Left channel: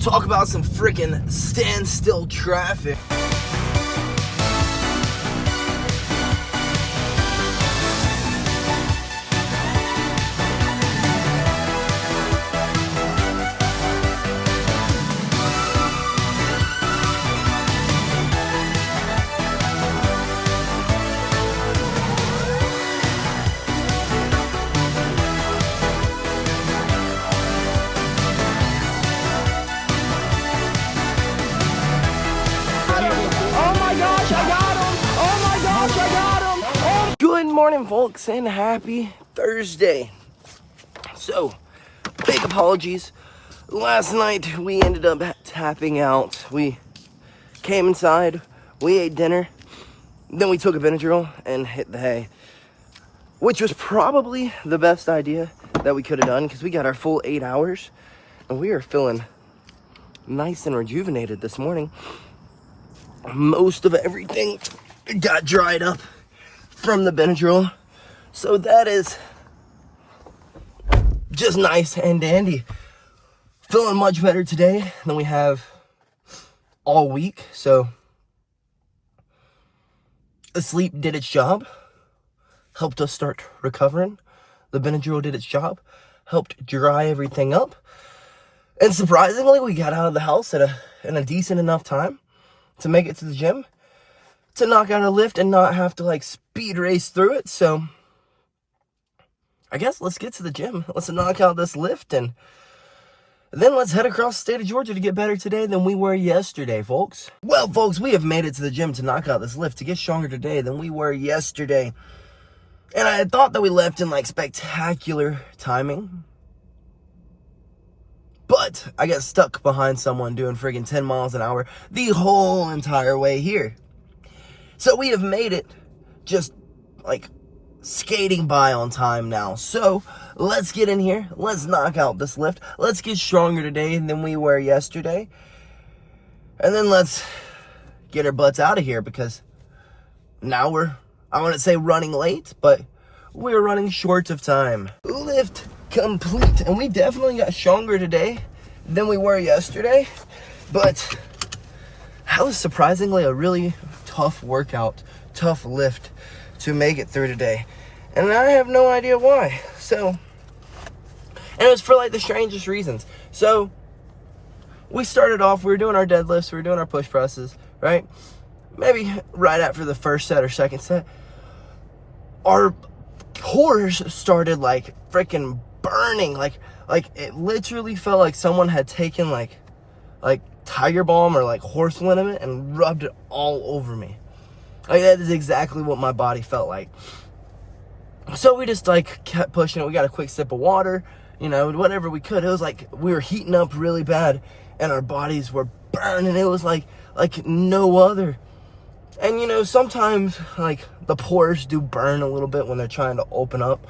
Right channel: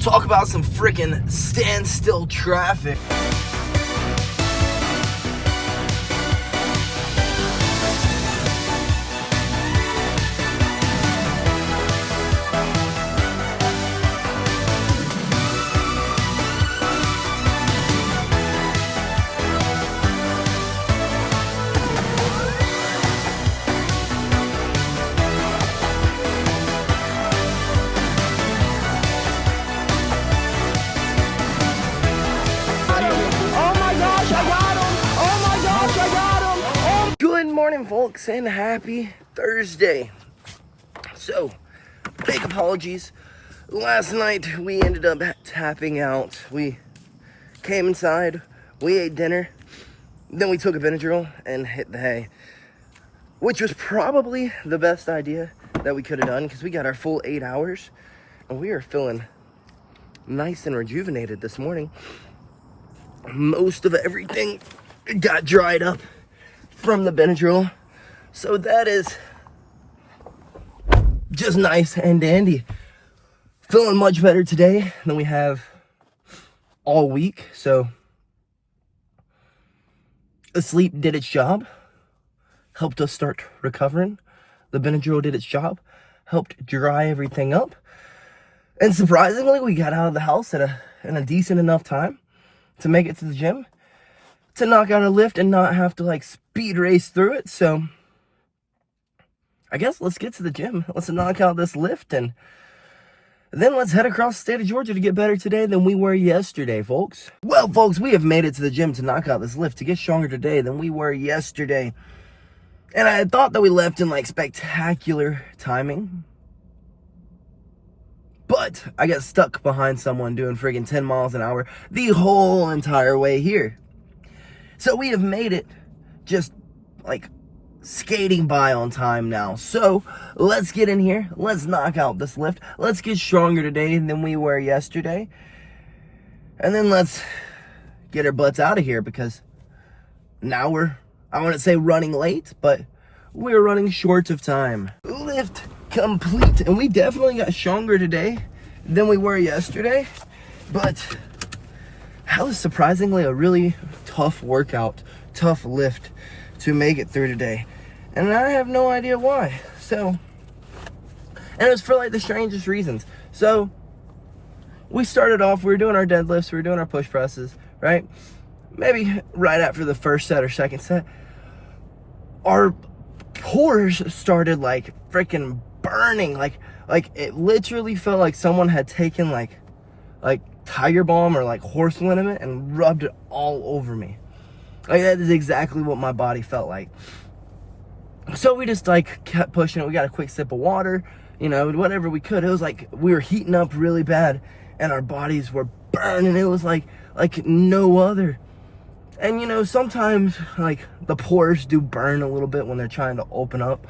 talk about some freaking standstill traffic. Good morning, folks, and happy Thursday. So, big apologies. Last night, we ended up tapping out. We came inside, we ate dinner, then we took a Benadryl and hit the hay, which was probably the best idea that we could have done because we got our full 8 hours, and we are feeling nice and rejuvenated this morning. Most of everything got dried up from the Benadryl, so that is just nice and dandy. Feeling much better today than we have all week. So the sleep did its job, helped us start recovering. The Benadryl did its job, helped dry everything up, and surprisingly, we got out of the house in a decent enough time to make it to the gym, to knock out a lift and not have to like speed race through it. So I guess let's get to the gym. Let's knock out this lift and then let's head across the state of Georgia to get better today than we were yesterday, folks. Well, folks, we have made it to the gym to knock out this lift to get stronger today than we were yesterday. And I had thought that we left in like spectacular timing, but I got stuck behind someone doing friggin' 10 miles an hour the whole entire way here. So we have made it just like skating by on time now. So let's get in here. Let's knock out this lift. Let's get stronger today than we were yesterday. And then let's get our butts out of here because now I wouldn't say running late, but we're running short of time. Lift complete, and we definitely got stronger today than we were yesterday, but that was surprisingly a really tough workout, tough lift to make it through today, and I have no idea why. So, and it was for like the strangest reasons. So we started off, we were doing our deadlifts, we were doing our push presses, right? Maybe right after the first set or second set, our pores started like freaking burning, like it literally felt like someone had taken like Tiger Balm or like horse liniment and rubbed it all over me. Like that is exactly what my body felt like. So we just like kept pushing it. We got a quick sip of water, you know, whatever we could. It was like we were heating up really bad and our bodies were burning. It was like no other. And you know, sometimes like the pores do burn a little bit when they're trying to open up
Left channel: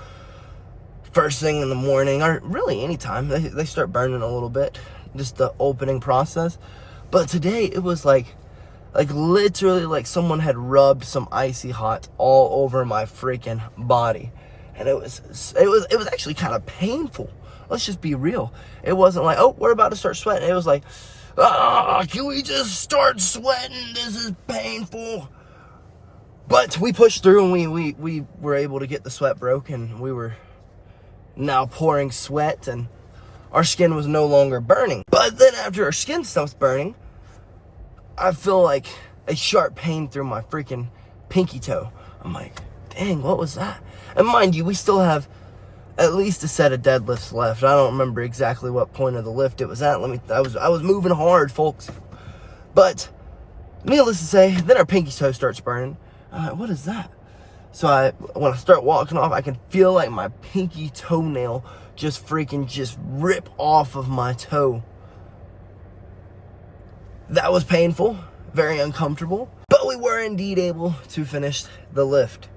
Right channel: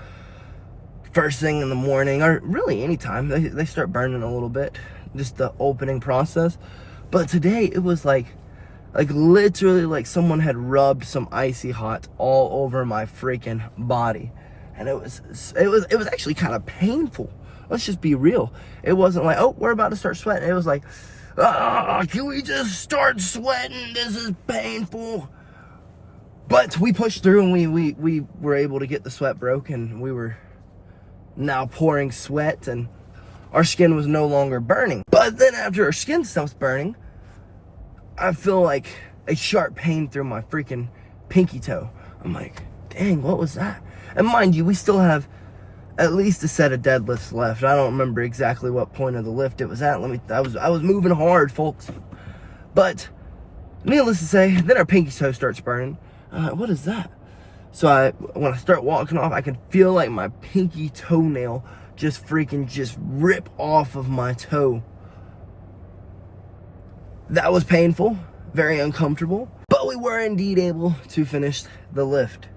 first thing in the morning, or really anytime they start burning a little bit, just the opening process. But today it was like literally like someone had rubbed some icy hot all over my freaking body, and it was actually kind of painful. Let's just be real. It wasn't like, oh, we're about to start sweating. It was like, can we just start sweating? This is painful. But we pushed through, and we were able to get the sweat broken. We were now pouring sweat, and our skin was no longer burning. But then after our skin stops burning, I feel like a sharp pain through my freaking pinky toe. I'm like, dang, what was that? And mind you, we still have at least a set of deadlifts left. I don't remember exactly what point of the lift it was at. I was moving hard, folks. But needless to say, then our pinky toe starts burning. I'm like, what is that? So when I start walking off, I can feel like my pinky toenail just rip off of my toe. That was painful, very uncomfortable, but we were indeed able to finish the lift.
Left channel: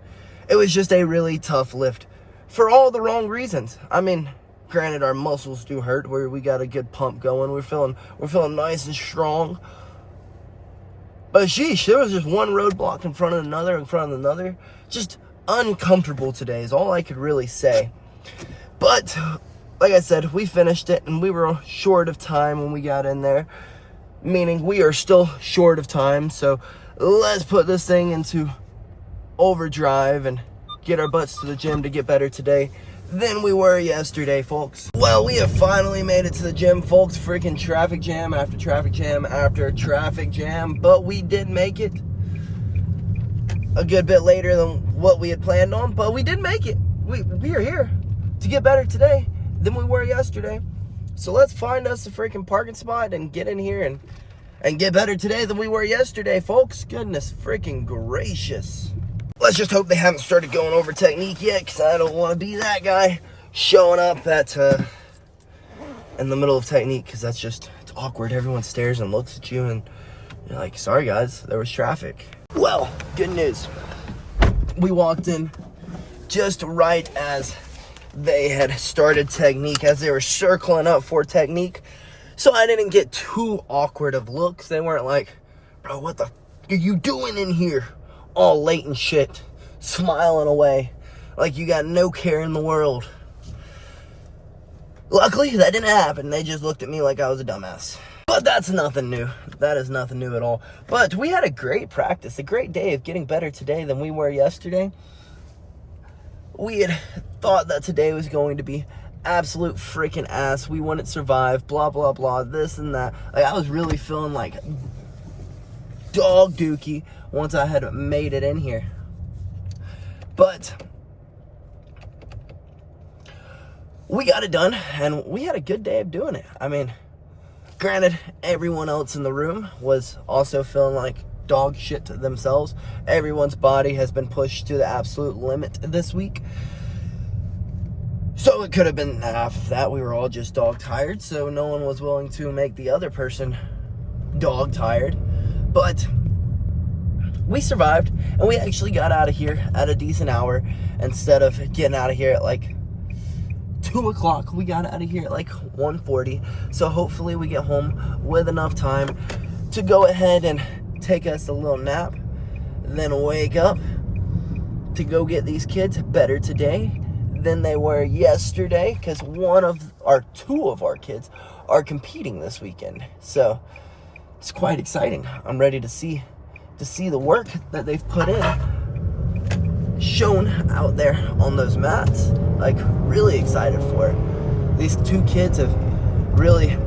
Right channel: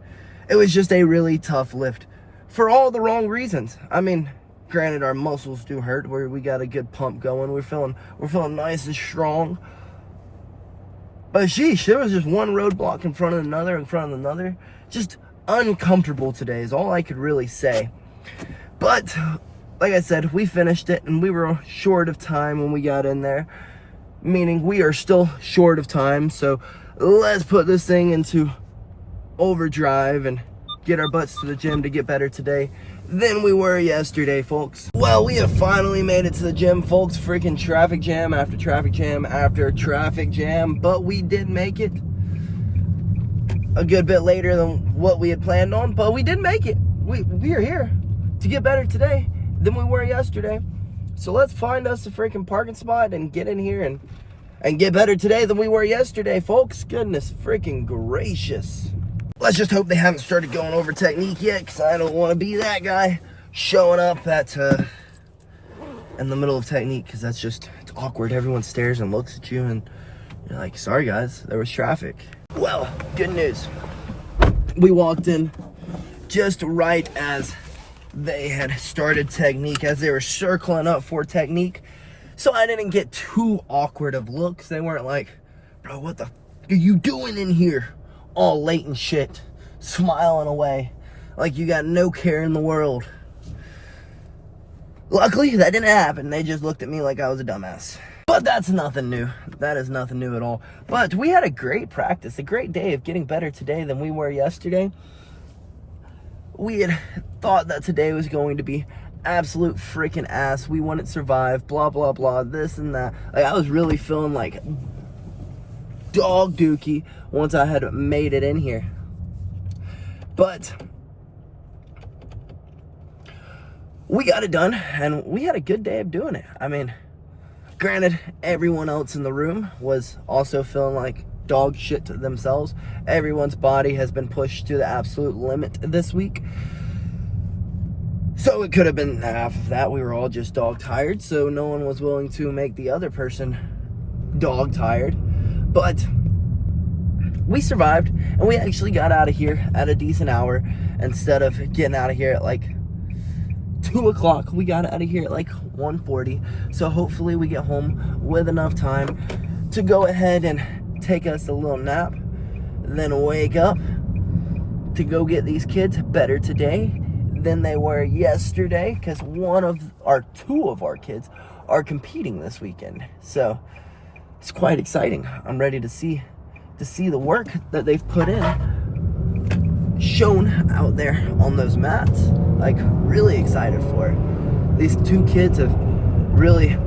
It was just a really tough lift for all the wrong reasons. I mean, granted, our muscles do hurt, where we got a good pump going. We're feeling nice and strong. But sheesh, there was just one roadblock in front of another, Just uncomfortable today is all I could really say. But like I said, we finished it, and we were short of time when we got in there. Meaning we are still short of time, so let's put this thing into overdrive and get our butts to the gym to get better today than we were yesterday, folks. Well, we have finally made it to the gym, folks. Freaking traffic jam after traffic jam after traffic jam, but we did make it a good bit later than what we had planned on, but we did make it. We are here to get better today than we were yesterday. So let's find us a freaking parking spot and get in here and get better today than we were yesterday, folks. Goodness freaking gracious. Let's just hope they haven't started going over technique yet, because I don't want to be that guy showing up at in the middle of technique, because that's just, it's awkward. Everyone stares and looks at you, and you're like, sorry guys, there was traffic. Well, good news. We walked in just right as they had started technique, as they were circling up for technique. So I didn't get too awkward of looks. They weren't like, bro, what the are you doing in here? All late and shit, smiling away like you got no care in the world. Luckily, that didn't happen. They just looked at me like I was a dumbass. But that's nothing new. That is nothing new at all. But we had a great practice, a great day of getting better today than we were yesterday. We had thought that today was going to be absolute freaking ass. We wouldn't survive, blah, blah, blah, this and that. Like, I was really feeling like dog dookie once I had made it in here. But we got it done, and we had a good day of doing it. I mean, granted, everyone else in the room was also feeling like dog shit to themselves. Everyone's body has been pushed to the absolute limit this week. So it could have been half of that. We were all just dog tired, so no one was willing to make the other person dog tired. But we survived, and we actually got out of here at a decent hour. Instead of getting out of here at like 2 o'clock, we got out of here at like 1:40. So hopefully we get home with enough time to go ahead and take us a little nap, then wake up to go get these kids better today than they were yesterday, because two of our kids are competing this weekend. So it's quite exciting. I'm ready to see the work that they've put in shown out there on those mats. Like, really excited for it. These two kids have really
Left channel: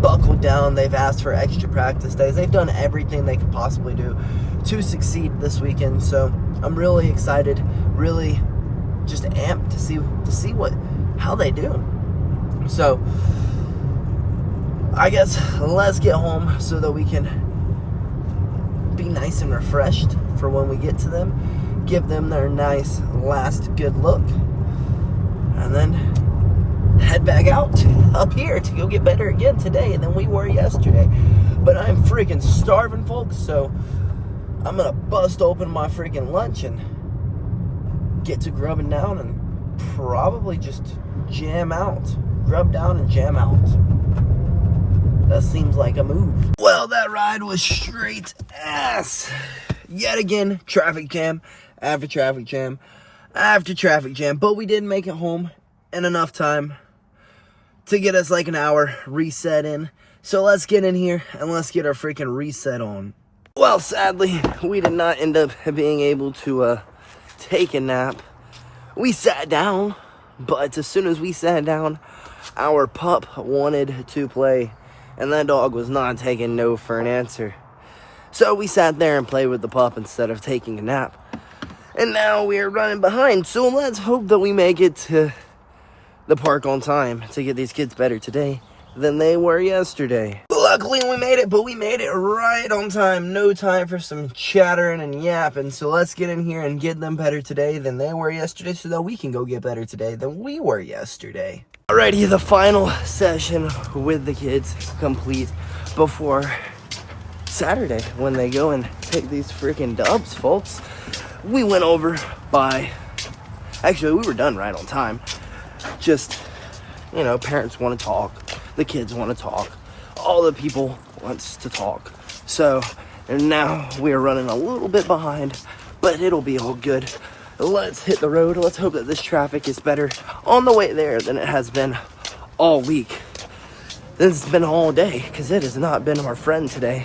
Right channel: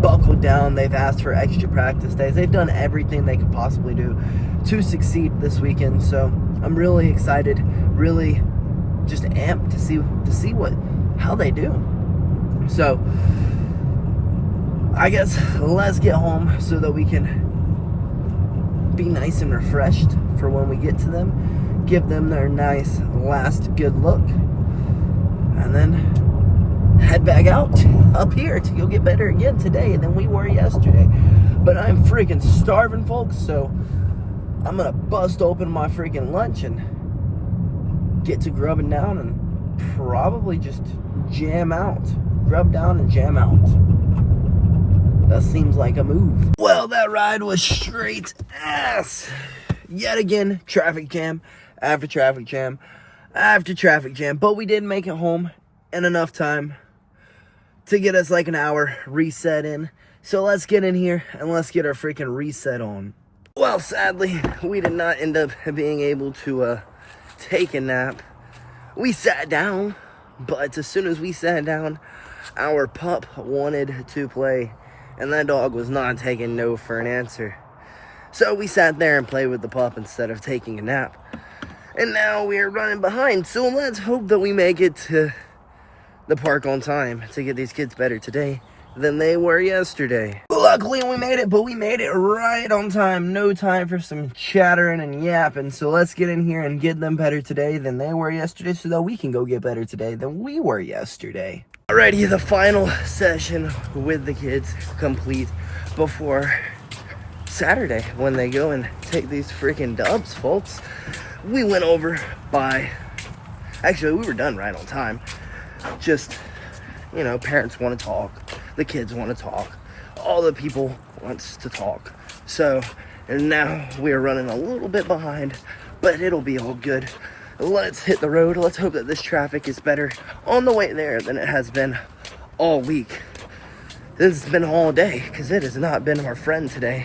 buckled down. They've asked for extra practice days. They've done everything they could possibly do to succeed this weekend. So I'm really excited, really just amped to see how they do. So I guess let's get home so that we can be nice and refreshed for when we get to them, give them their nice last good look, and then head back out up here to go get better again today than we were yesterday. But I'm freaking starving, folks, so I'm gonna bust open my freaking lunch and get to grubbing down and probably just jam out. Grub down and jam out. That seems like a move. Well, that ride was straight ass. Yet again, traffic jam after traffic jam after traffic jam. But we did make it home in enough time to get us like an hour reset in. So let's get in here and let's get our freaking reset on. Well, sadly, we did not end up being able to take a nap. We sat down, but as soon as we sat down, our pup wanted to play, and that dog was not taking no for an answer. So we sat there and played with the pup instead of taking a nap. And now we are running behind, so let's hope that we make it to the park on time to get these kids better today than they were yesterday. Luckily we made it, but we made it right on time. No time for some chattering and yapping. So let's get in here and get them better today than they were yesterday, so that we can go get better today than we were yesterday. Alrighty, the final session with the kids complete before Saturday when they go and take these freaking dubs, folks. We went over actually we were done right on time. Just, you know, parents want to talk, the kids want to talk, all the people wants to talk. So, and now we are running a little bit behind, but it'll be all good. Let's hit the road. Let's hope that this traffic is better on the way there than it has been all week. This has been all day, because it has not been our friend today.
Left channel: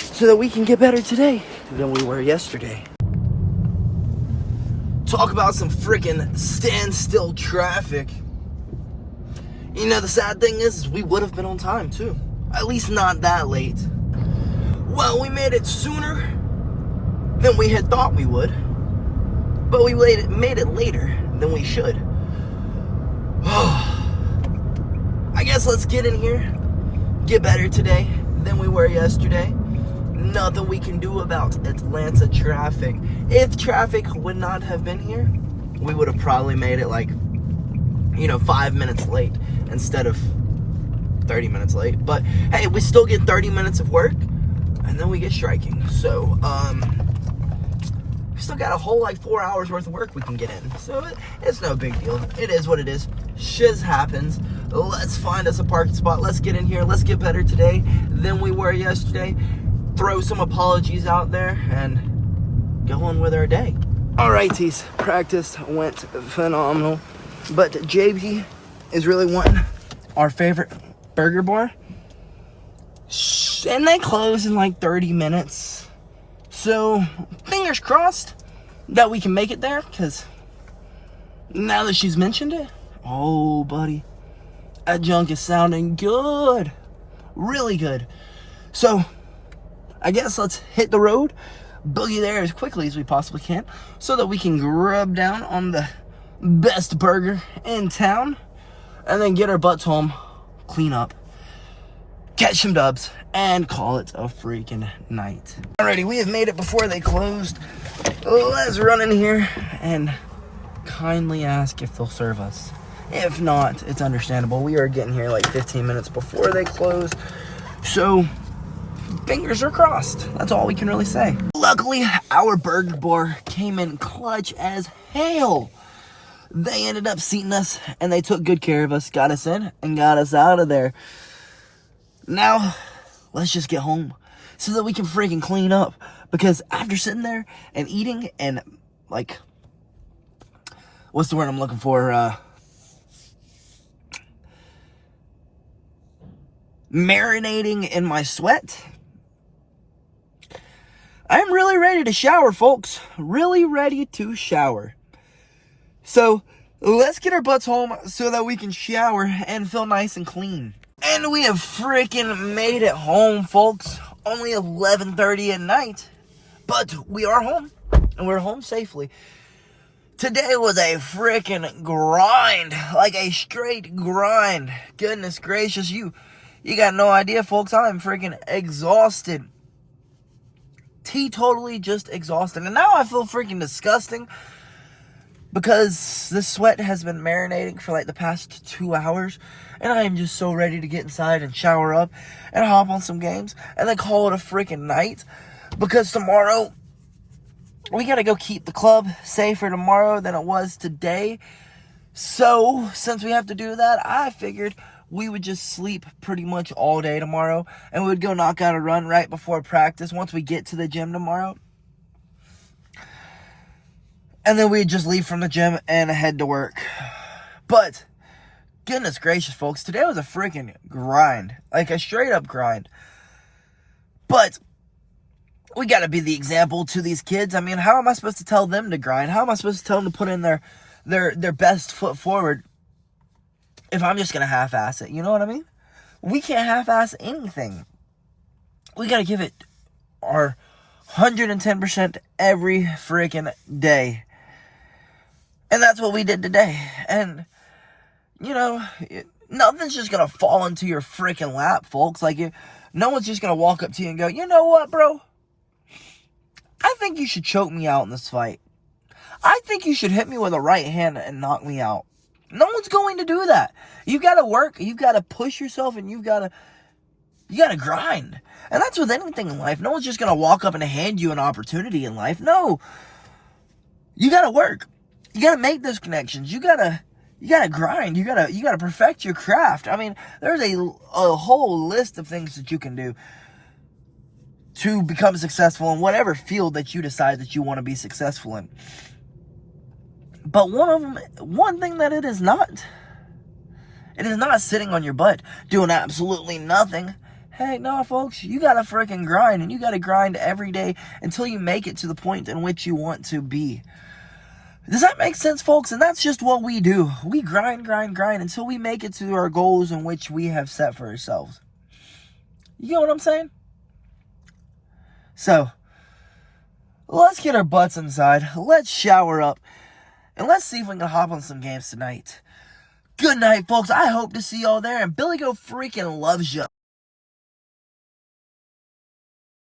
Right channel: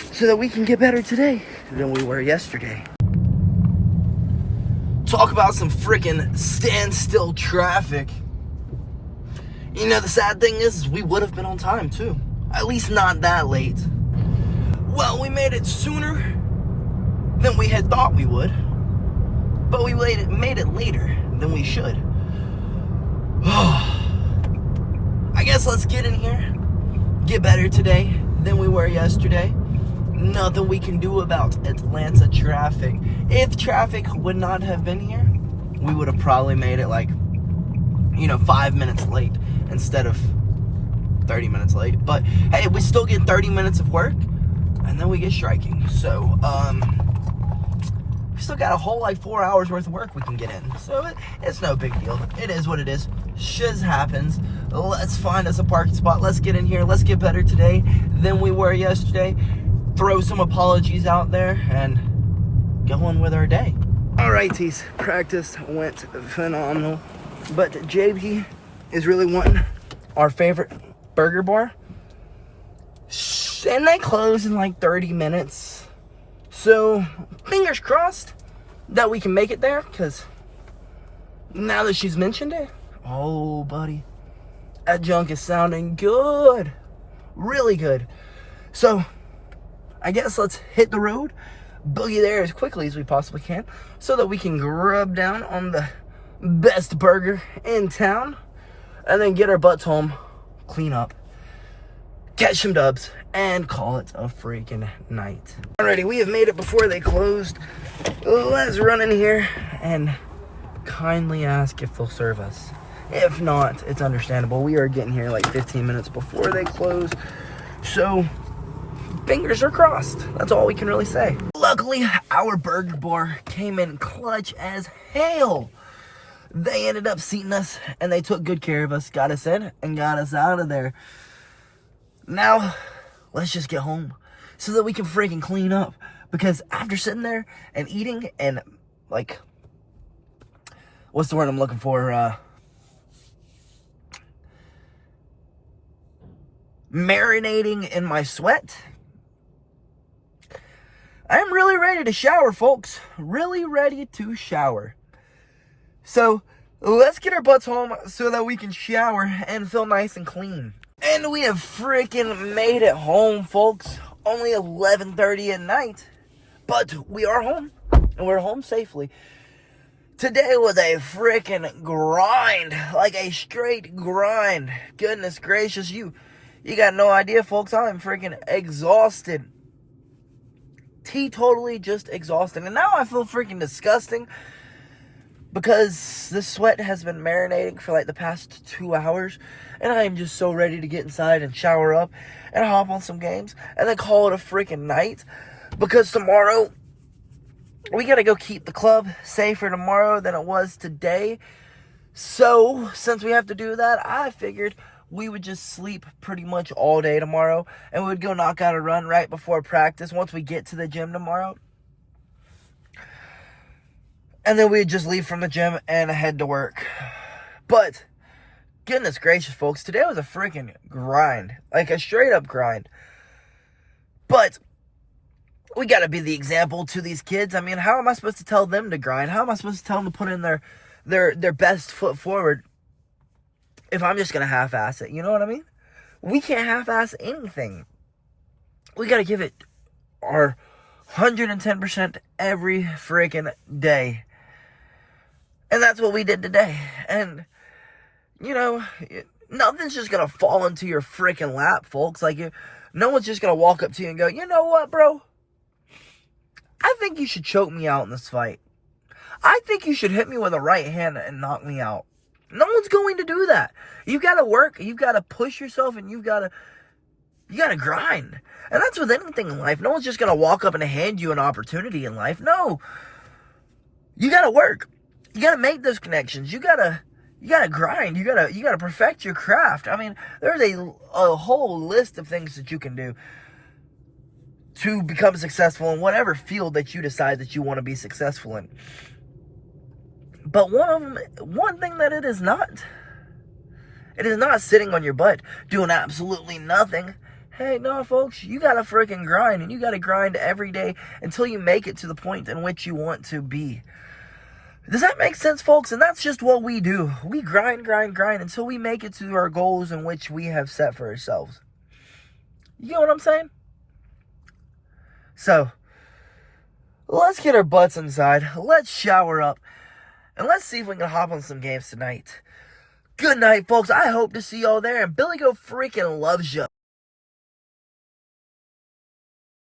So that we can get better today than we were yesterday. Talk about some freaking standstill traffic. You know, the sad thing is we would have been on time too. At least not that late. Well, we made it sooner than we had thought we would. But we made it later than we should. I guess let's get in here. Get better today than we were yesterday. Nothing we can do about Atlanta traffic. If traffic would not have been here, we would have probably made it like, 5 minutes late instead of 30 minutes late. But hey, we still get 30 minutes of work, and then we get striking. So, we still got a whole 4 hours worth of work we can get in. So it's no big deal. It is what it is. Shiz happens. Let's find us a parking spot. Let's get in here. Let's get better today than we were yesterday. Throw some apologies out there and go on with our day. All right, tees. Practice went phenomenal. But JB is really wanting our favorite burger bar. And they close in 30 minutes. So, fingers crossed that we can make it there. Because now that she's mentioned it, oh, buddy, that junk is sounding good. Really good. So, I guess let's hit the road, boogie there as quickly as we possibly can, so that we can grub down on the best burger in town, and then get our butts home, clean up, catch some dubs, and call it a freaking night. Alrighty, we have made it before they closed. Let's run in here and kindly ask if they'll serve us. If not, it's understandable. We are getting here 15 minutes before they close, so fingers are crossed. That's all we can really say. Luckily, our burger bar came in clutch as hell. They ended up seating us, and they took good care of us, got us in, and got us out of there. Now, let's just get home so that we can freaking clean up. Because after sitting there and eating and, what's the word I'm looking for? Marinating in my sweat, I'm really ready to shower, folks. Really ready to shower. So, let's get our butts home so that we can shower and feel nice and clean. And we have freaking made it home, folks. Only 11:30 at night. But we are home. And we're home safely. Today was a freaking grind. A straight grind. Goodness gracious, you got no idea, folks. I'm freaking exhausted. Teetotally just exhausted. And now I feel freaking disgusting because this sweat has been marinating for the past 2 hours. And I am just so ready to get inside and shower up and hop on some games and then call it a freaking night. Because tomorrow, we got to go keep the club safer tomorrow than it was today. So, since we have to do that, I figured we would just sleep pretty much all day tomorrow, and we would go knock out a run right before practice once we get to the gym tomorrow. And then we'd just leave from the gym and head to work. But, goodness gracious, folks, today was a freaking grind. A straight up grind. But we got to be the example to these kids. I mean, how am I supposed to tell them to grind? How am I supposed to tell them to put in their best foot forward if I'm just going to half-ass it? You know what I mean? We can't half-ass anything. We got to give it our 110% every freaking day. And that's what we did today. And, nothing's just going to fall into your freaking lap, folks. No one's just going to walk up to you and go, you know what, bro? I think you should choke me out in this fight. I think you should hit me with a right hand and knock me out. No one's going to do that. You got to work. You got to push yourself, and you got to grind. And that's with anything in life. No one's just going to walk up and hand you an opportunity in life. No. You got to work. You got to make those connections. You got to grind. You got to perfect your craft. I mean, there's a whole list of things that you can do to become successful in whatever field that you decide that you want to be successful in. But one thing that it is not It is not sitting on your butt doing absolutely nothing. Hey, no, folks, you gotta freaking grind, and you gotta grind every day until you make it to the point in which you want to be. Does that make sense, folks? And that's just what we do. We grind until we make it to our goals in which we have set for ourselves. You know what I'm saying? So, let's get our butts inside. Let's shower up. And let's see if we can hop on some games tonight. Good night, folks. I hope to see y'all there. And BillyGoat freaking loves you.